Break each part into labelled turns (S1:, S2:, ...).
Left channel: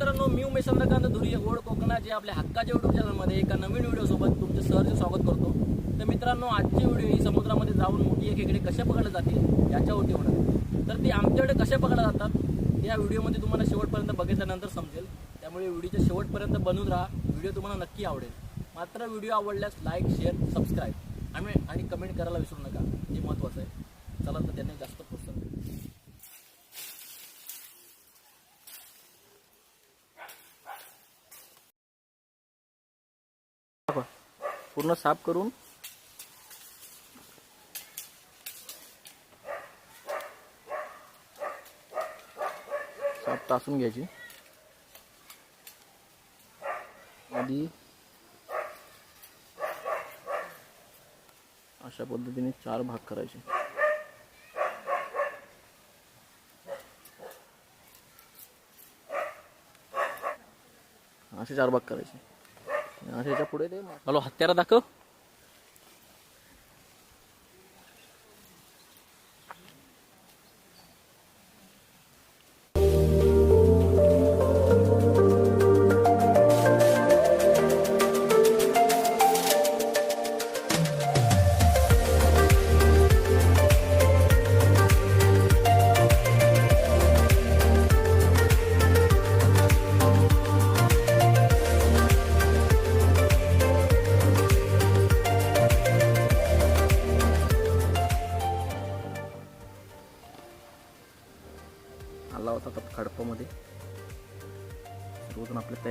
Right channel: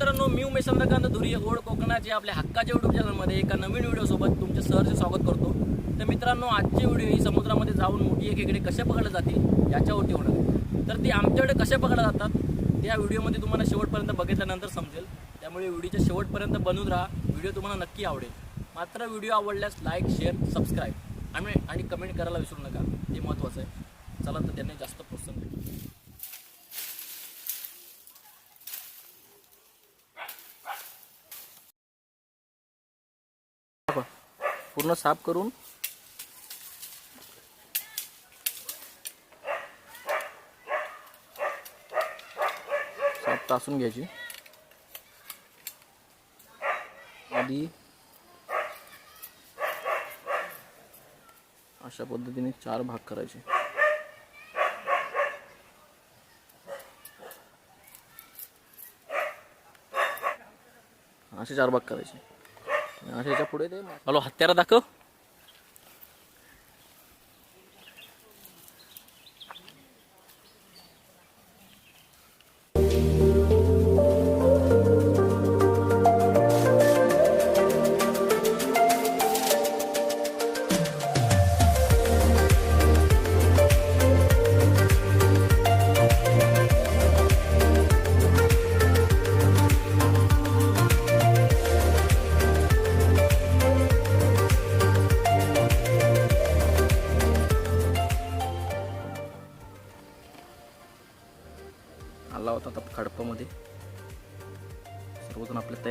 S1: मित्रांनो मी उमेश चंद्रकांत धुरी ओढ कोकणाचे आपल्या हक्काच्या युट्यूब चॅनलमध्ये एका नवीन व्हिडिओसोबत तुमचे सहर्ष स्वागत करतो. तर मित्रांनो आजची व्हिडिओ ही समुद्रामध्ये जाऊन मोठी एक कसे कशा पकडल्या जातील याच्यावरती होणार आहे. तर ती आमच्याकडे कशा पकडल्या जातात त्या या व्हिडिओमध्ये तुम्हाला शेवटपर्यंत बघितल्यानंतर समजेल. त्यामुळे व्हिडिओच्या शेवटपर्यंत बनून राहा. व्हिडिओ तुम्हाला नक्की आवडेल. मात्र व्हिडिओ आवडल्यास लाईक शेअर सबस्क्राईब आणि आणि कमेंट करायला विसरू नका. ते महत्त्वाचं आहे. चला तर त्यांनी जास्त प्रोत्साहन भेटेल पूर्ण साफ करून साफ तासून घ्यायची. आधी अशा पद्धतीने चार भाग करायचे. असे चार भाग करायचे. आणि याच्यापुढे ते हॅलो हत्यारा दाखव.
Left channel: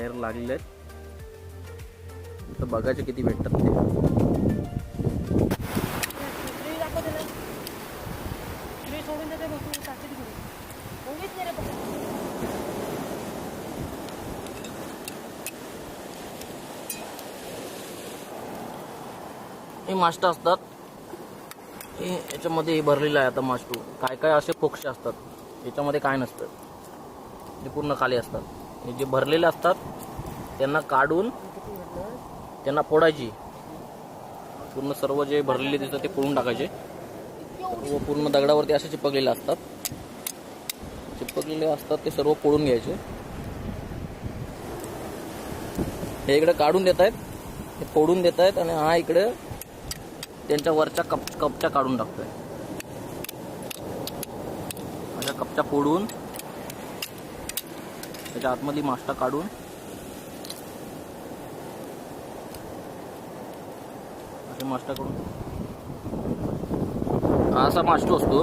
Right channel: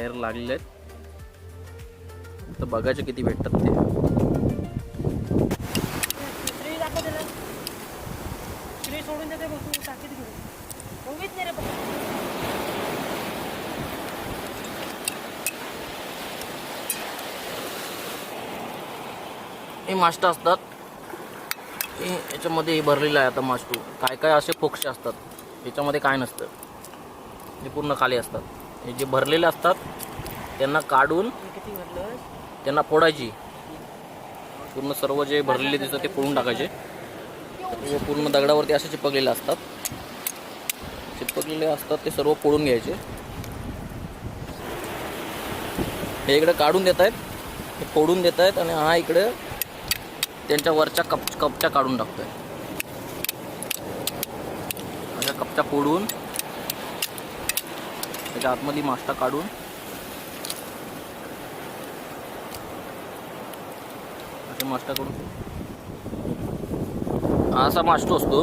S1: तयार लागलेले आहेत तर बघायचे किती भेटतात ते.
S2: सोडून
S1: हे माष्ट असतात. हे याच्यामध्ये हे भरलेलं आहे आता मास्टू काय काय असे पोक्षे असतात. याच्यामध्ये काय नसतं. हे पूर्ण खाली असतात. हे जे भरलेले असतात त्यांना काढून त्यांना फोडायची. पूर्ण सर्व जे भरलेले दिसतात ते फोडून टाकायचे. सर्व पूर्ण दगडावरती असे चिपकलेले असतात. चिपकलेले असतात ते सर्व फोडून घ्यायचे. हे इकडे काढून देत आहेत. हे फोडून देत आहेत आणि हा इकडे त्यांच्या वरच्या कप कपच्या काढून टाकतोय. अशा कपच्या फोडून त्याच्या आतमध्ये मास्टा काढून असे मास्टा काढून. हा असा मास्टो असतो.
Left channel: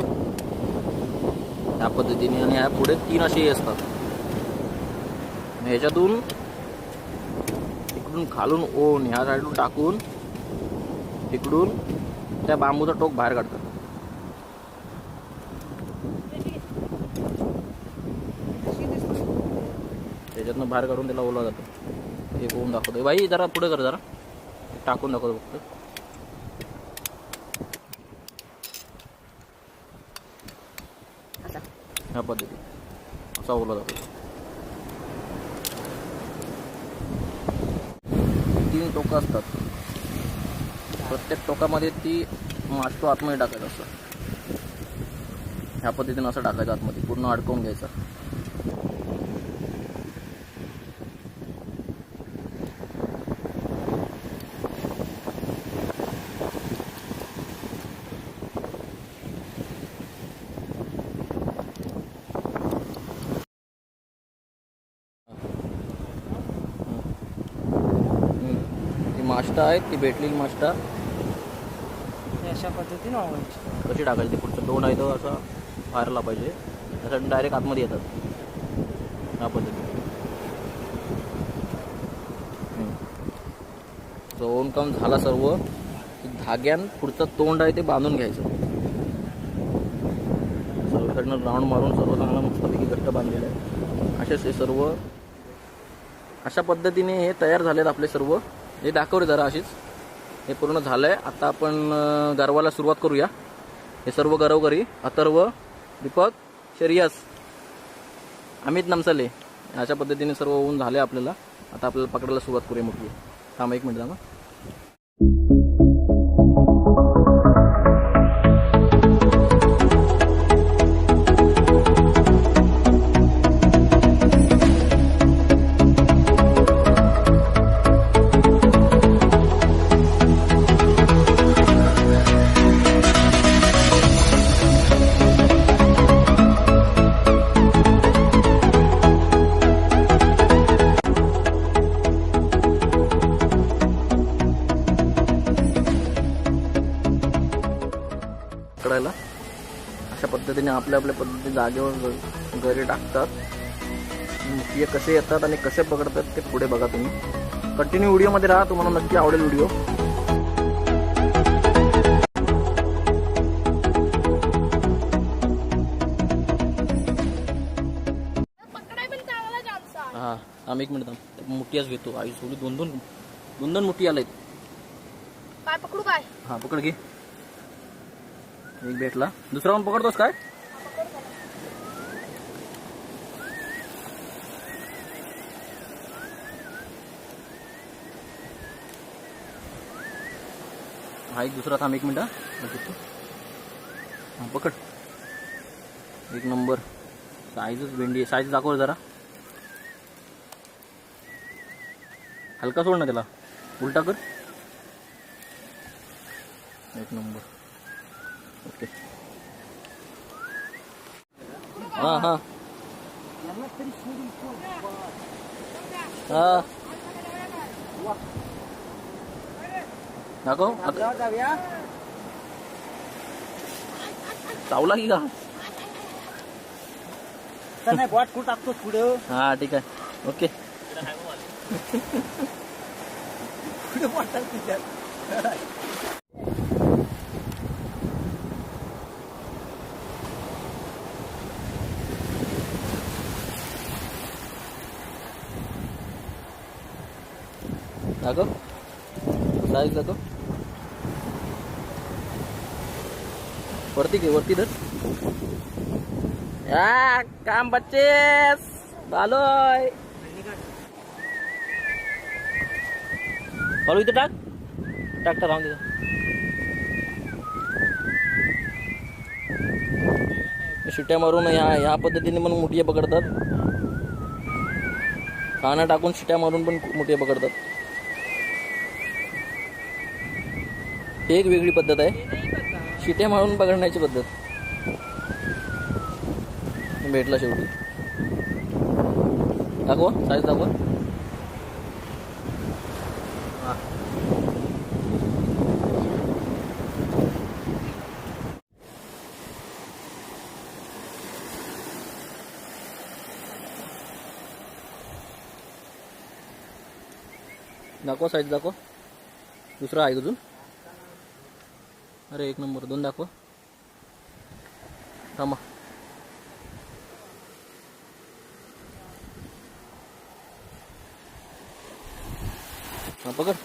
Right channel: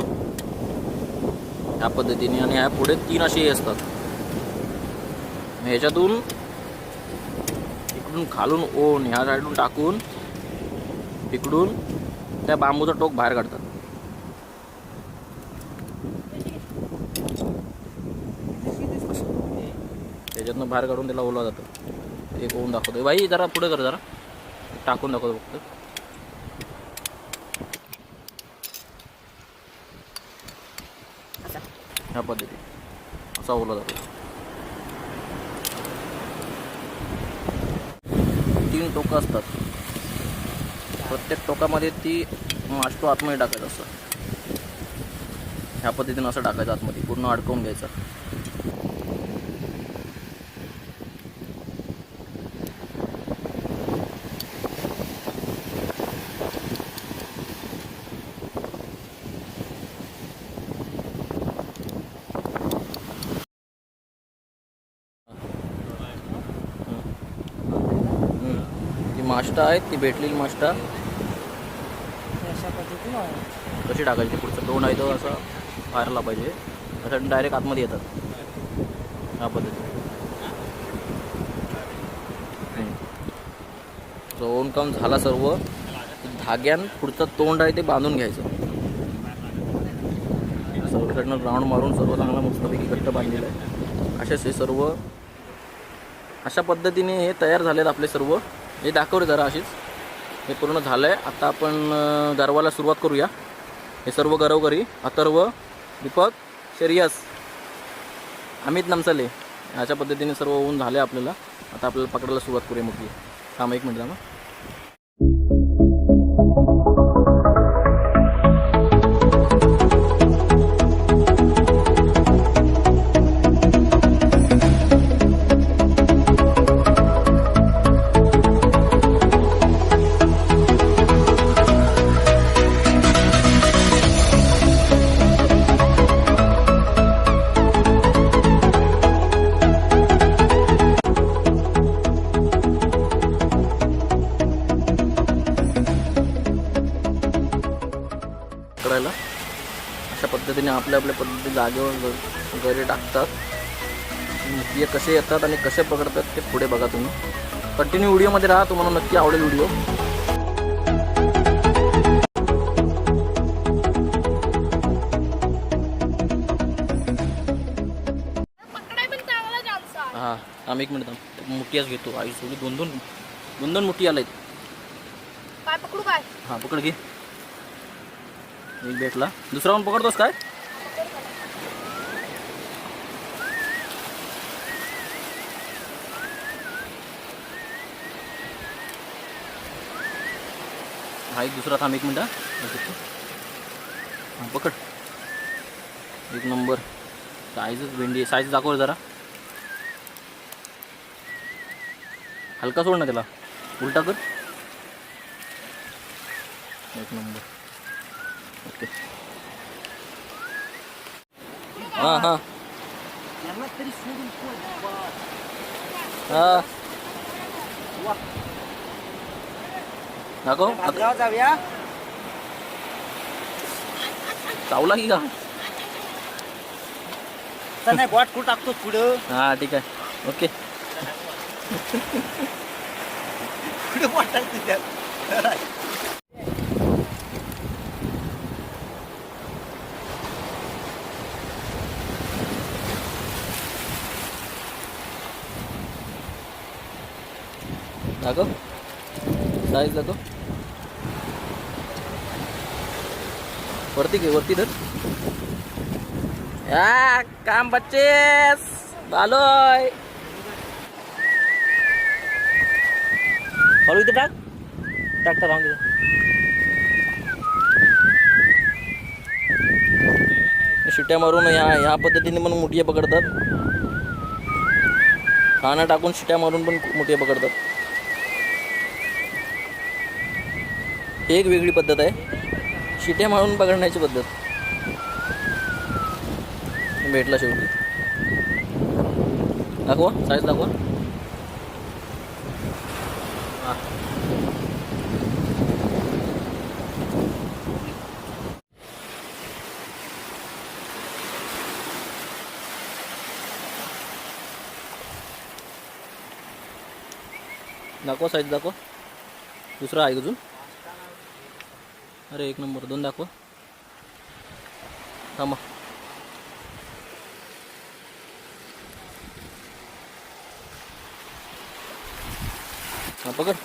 S1: या पद्धतीने आणि ह्या पुढे तीन असे हे असतात. ह्याच्यातून इकडून खालून ओन ह्या साईडून टाकून इकडून त्या बांबूचा टोक बाहेर काढतात. त्याच्यातनं बाहेर काढून त्याला ओला जातं. एक ओवून दाखवतो बाई जरा पुढे कर जरा. टाकून दाखवतो फक्त. ह्या पद्धती असा ओला जातो. तीन टोकं असतात. प्रत्येक टोकामध्ये ती मास्टो आतमध्ये टाकायचा असं ह्या पद्धतीनं असं टाकायचं आतमध्ये. पूर्ण अडकवून घ्यायचं. ती मास्टा आहेत ती भेटलेली मास्टा
S2: हे अशा पद्धतीनं.
S1: कशी टाकायची ते पुढचं? तोंड आहे तो असं बाहेरला पाहिजे. असं डायरेक्ट आतमध्ये येतात. ह्या पद्धतीने. ओन काम झाला सर्व धाग्यान पुढचं तोंड आहे ते बांधून घ्यायचं. सर्व साईडनं राऊंड मारून सर्व चांगला मस्तपैकी घट्ट बांधलेलं आहे. असेच हे सर्व अशा पद्धतीने हे तयार झालेत आपले सर्व. हे दाखवले जरा अशीच. हे पूर्ण झालं आहे आता आपण गरवाला सुरुवात करूया. हे सर्व गरवकरी अथर्व दीपक शरियस अमित नमसले अशा पद्धतीने सर्व होऊन झाले आपल्याला. आता आपल्याला पकडायला सुरुवात करूया मग थांब एक मिनिट थांबा. आपल्या आपल्या पद्धती जागेवर घरी टाकतात. मुठिये कसे येतात आणि कसे पकडतात ते पुढे बघा तुम्ही. कंटिन्यू व्हिडिओमध्ये राहा तुम्हाला नक्की आवडेल व्हिडिओ. हां थांब एक मिनिट मुठ्याच घेतो. आई सोडी दोन दोन दोन दोन मुठी आलेत.
S3: काय पकडू काय?
S1: हां पकड घे. एक भेटला. दुसरा पण पकडतोस काय? हा एक दुसरा थांब एक मिनटं हा. हां पकड. एक नंबर. साईजच भेंडी आहे. साईज दाखव जरा. हलका सोड ना त्याला. उलटा कर. एक नंबर. हां हां हां दाखव
S2: जाऊया
S1: चावला की का
S2: नाही बॉट कुठं टाकतो पुढं
S1: हां ठीक आहे ओके
S2: पुढे बॉट टाकतो
S1: दाखव साईज दाखव वरती घे वरती धर. या काम बच्चेस. बालोय. बालू इथे टाक. टाक टाक राहून तिथं शिट्या मारून ह्या ह्या पद्धतीने पण मुठिया पकडतात. खाणं टाकून शिट्या मारून पण मुठिया पकडतात. एक वेगळी पद्धत आहे. शिट्या मारून पकडण्याची पद्धत. भेटला शेवटी. दाखवा साईज दाखवा. दाखवा साईज दाखवा. दुसरा आहे अजून? अरे एक नंबर. दोन दाखवा. थांबा. हा पकड.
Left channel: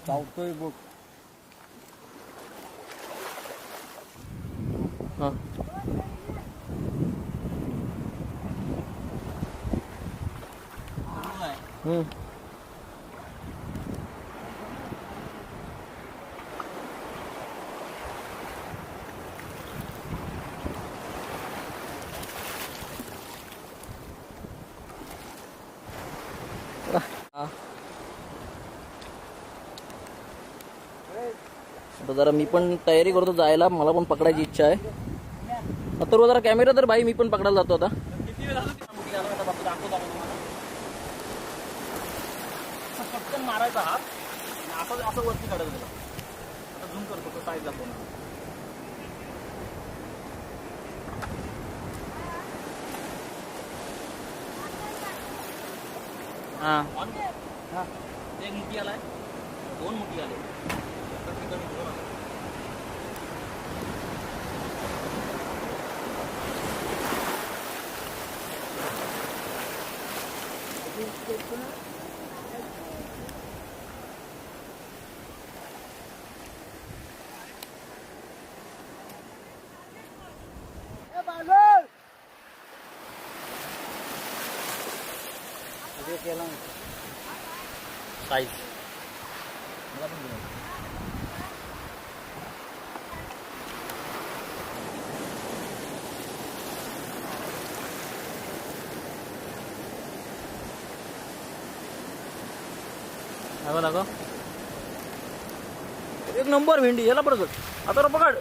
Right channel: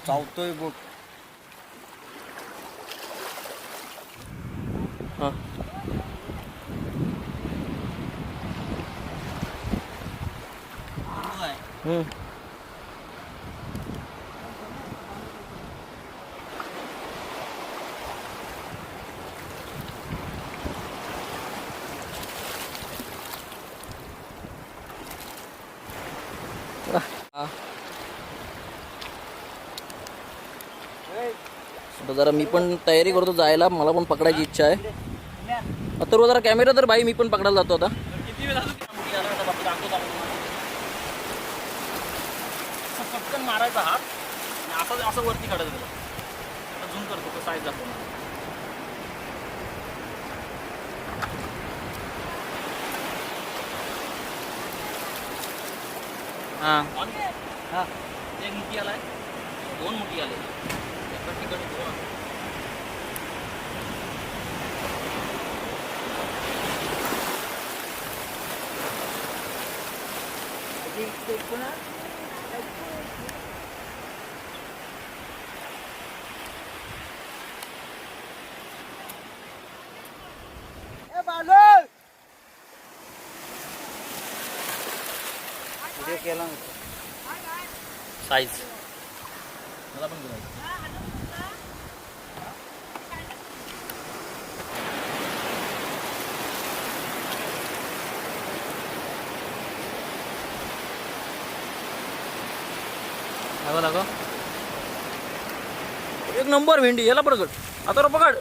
S2: चावतोय बघ
S1: हा हम्म हा. आता जरा मी पण तयारी करतो जायला. मला पण पकडायची इच्छा आहे. तर जरा कॅमेरा तर बाई मी पण पकडायला जातो आता किती वेळ असं पटकन मारायचा हात आणि असं असं वरती काढायचं त्याला. आता झूम करतो तो साईज दाखवणार हां. हां. एक मुठी आलाय. दोन मुठी आले. एका ठिकाणी दोन आले.
S2: केला
S1: साईज मला पण घेऊन दाखव दाखव एक नंबर भेंडी याला पकड आता पकड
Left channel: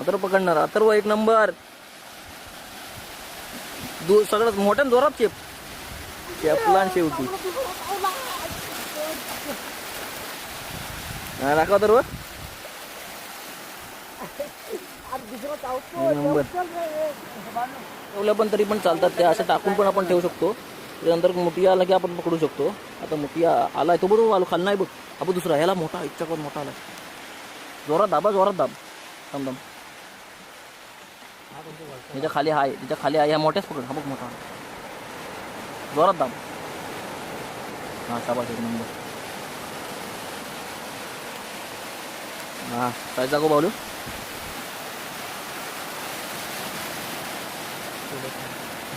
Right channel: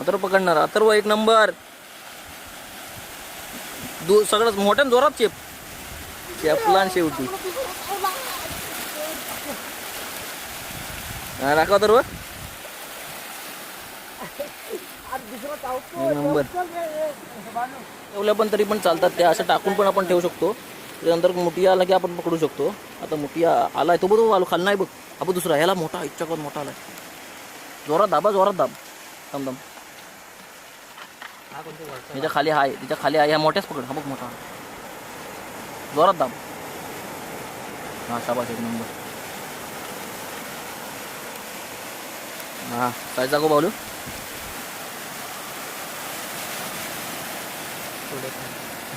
S1: अथर्व पकडणार अथर्व एक नंबर. दू सगळं मोठ्या जोरात चेप चेपला आणि शेवटी. राखा दाखवा तर नंबर. ठेवल्या पण तरी पण चालतात त्या असं टाकून पण आपण ठेवू शकतो. त्यानंतर मोठिया आला की आपण पकडू शकतो. आता मोठिया आलाय तो बघ आलो खाल नाही बघ. आपण दुसरा ह्याला मोठा इच्छा मोठा आलाय. जोरात दाबा जोरात दाब. थांब थांब. त्याच्याखाली आहे त्याच्याखाली आहे ह्या मोठ्याच पकड हा बघ मोठा. जोरात दाब. हा शाबाश एक नंबर. हा काय जागो बावलू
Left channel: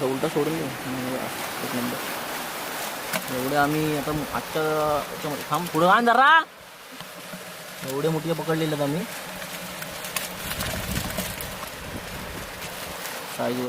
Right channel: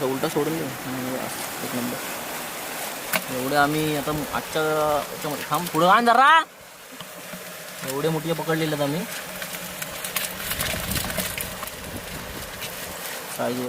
S1: उलटा सोडून देऊ एक नंबर. एवढे आम्ही आता आजच्या याच्यामध्ये थांब. पुढं आण जरा. एवढे मोठे पकडलेले आहेत आम्ही. साईज